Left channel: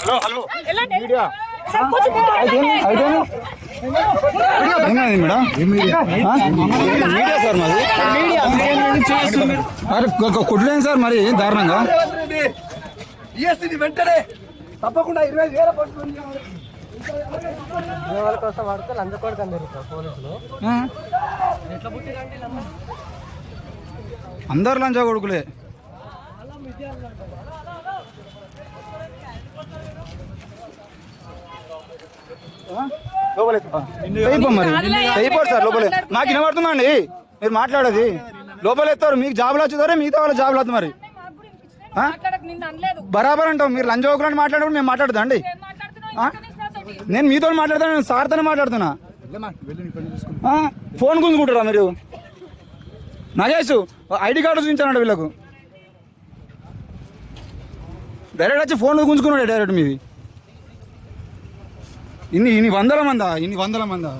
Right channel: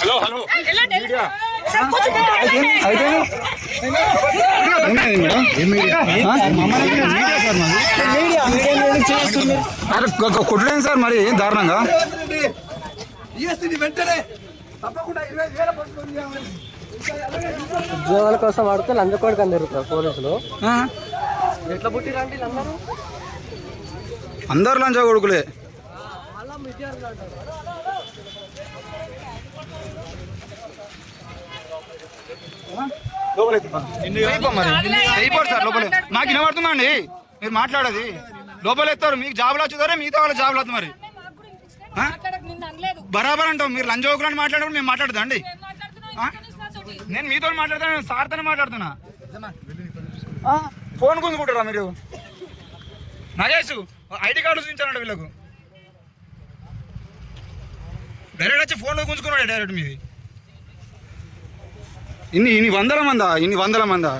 Hello hello ఉన్నది madam అరే కొట్టలేదు సార్ మరి దారుణంగా వెంటనే తప్పకుండా ఇరవై వేల పట్టుకొని ఉద్యోగాల కోసం వాడితే లంచకోడికి అందరు పోలీసులు అందరు లంచా కొడుకులే. నాకు వినబడుతుందండి. మీరు మాట్లాడేది. లోపల ఎత్తారు మీకు జాబులు వచ్చేదారే మిగతా వాళ్ళ జాబులు వస్తుంది మరి. బరాబర్ అంటాం మీరు లంచ ఒకరు మాట్లాడడం మేము మాట్లాడదా అండి? నేను మీతో మాట్లాడతాను నేను సార్తోనే మాట్లాడుతున్నా. ఫోన్ గుంజుకుంటారా మీరు? నగేష్ ఐడి కార్డు చూపించానండి వీళ్ళకు. డైరెక్ట్ వచ్చి ఫోన్ గుంజుకున్నాడు డైరెక్ట్ మీది. ఇన్ని ఇన్ని వందల మందా? ఇన్ని వందల మందా?